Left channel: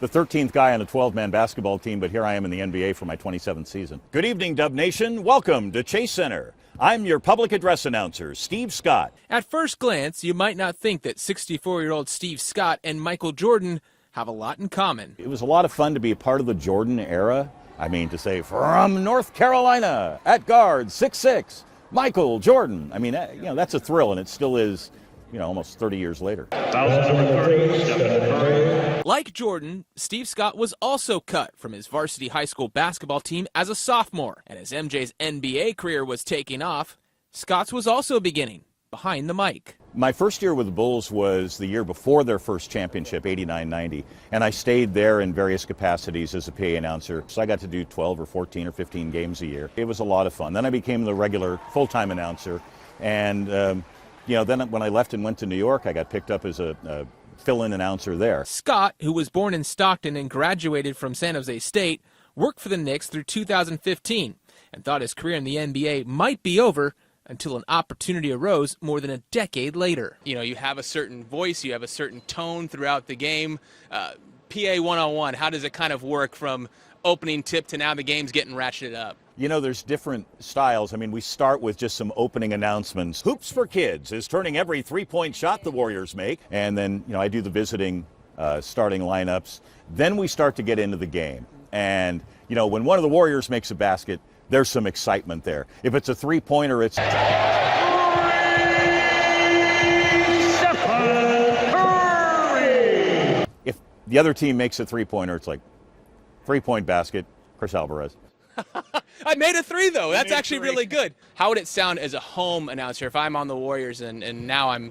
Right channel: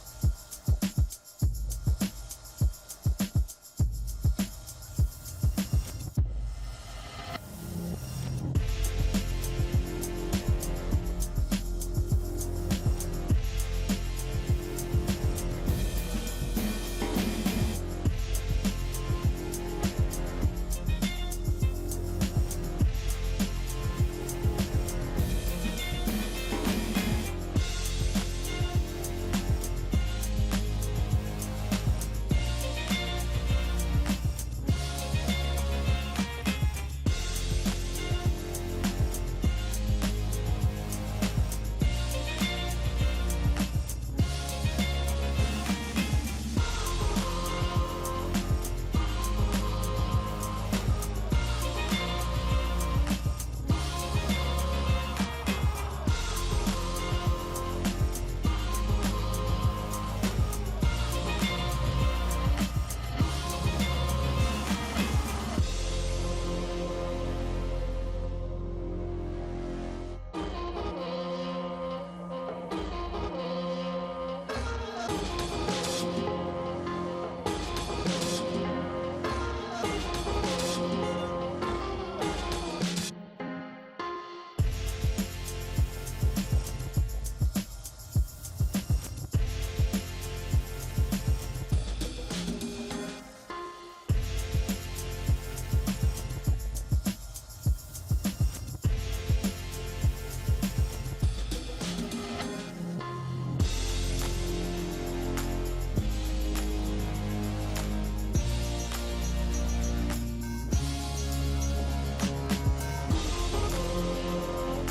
the 13th guy on a 12-man basketball team, but here I am in the NBA for my 27th season. Good evening, Dub Nation. Welcome to Chase Center. I'm your public address announcer, Steve Scott. At first glance, you might not think that 64-year-old Steve Scott and Michael Jordan have a lot in common. It was a lot of fun to be a part of the Jordan era. I mean, to say, from North Carolina, at guard, 6'6", Michael Jordan. I mean, that's a thrill, and it still is, almost 30 years later. Like Jordan, Steve Scott was also cut from his varsity high school basketball team as a sophomore. And as MJ's NBA career was taking off, Scott's was also beginning behind the mic. My first year with the Bulls was the year before their first championship, 89-90, and I stayed there in various capacities as a PA announcer, so I got to do 12 or 14 or 15 games a year. It was a lot of fun. Then I became the regular full-time announcer, and then when I left and went to New York, I got picked up as a fill-in announcer there. Scott, who was born in Stockton and graduated from San Jose State, worked for the Knicks through 2015. Thought his career in the NBA might be over until an opportunity arose more than a decade later. You have a certain voice, you have a certain tone throughout the game. PA one-on-one, how does it kind of work from opening tip to now the game's getting ratcheted up? There's different styles. I mean, we start with just some opening announcements. Hoops for Kids is turning every three-point shot the Warriors make. And then, I do the visiting starting lineups. Then we start to get into the game. And, when one of the Warriors makes a basket, there's some excitement there. If it's a three-pointer, it's... If the other team makes a three-pointer, it's like, three-point basket, Chris Alvarez. I made a three, though. That's actually really good. How would it sound as a home announcer if I'm on the Warriors and now I'm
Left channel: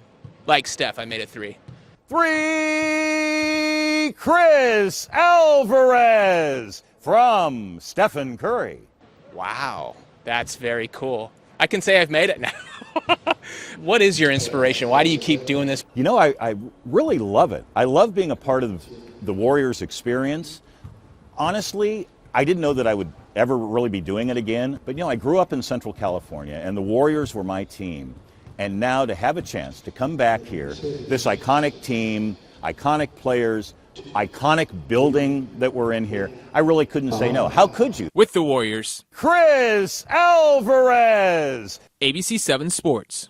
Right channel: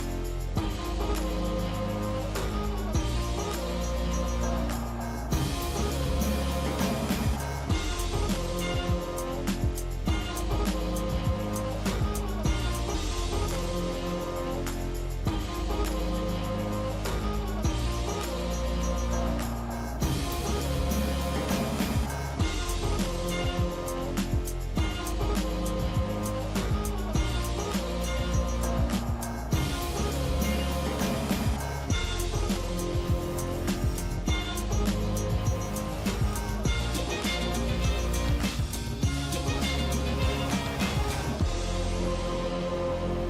like Steph, I made a three? Free Chris Alvarez from Stephen Curry. Wow, that's very cool. I can say I've made it now. What is your inspiration? Why do you keep doing this? I really love it. I love being a part of the Warriors experience. Honestly, I didn't know that I would ever really be doing it again, but I grew up in Central California and the Warriors were my team. And now to have a chance to come back here, this iconic team, iconic players, iconic building that we're in here, I really couldn't say no. How could you? With the Warriors, Chris Alvarez! ABC 7 Sports.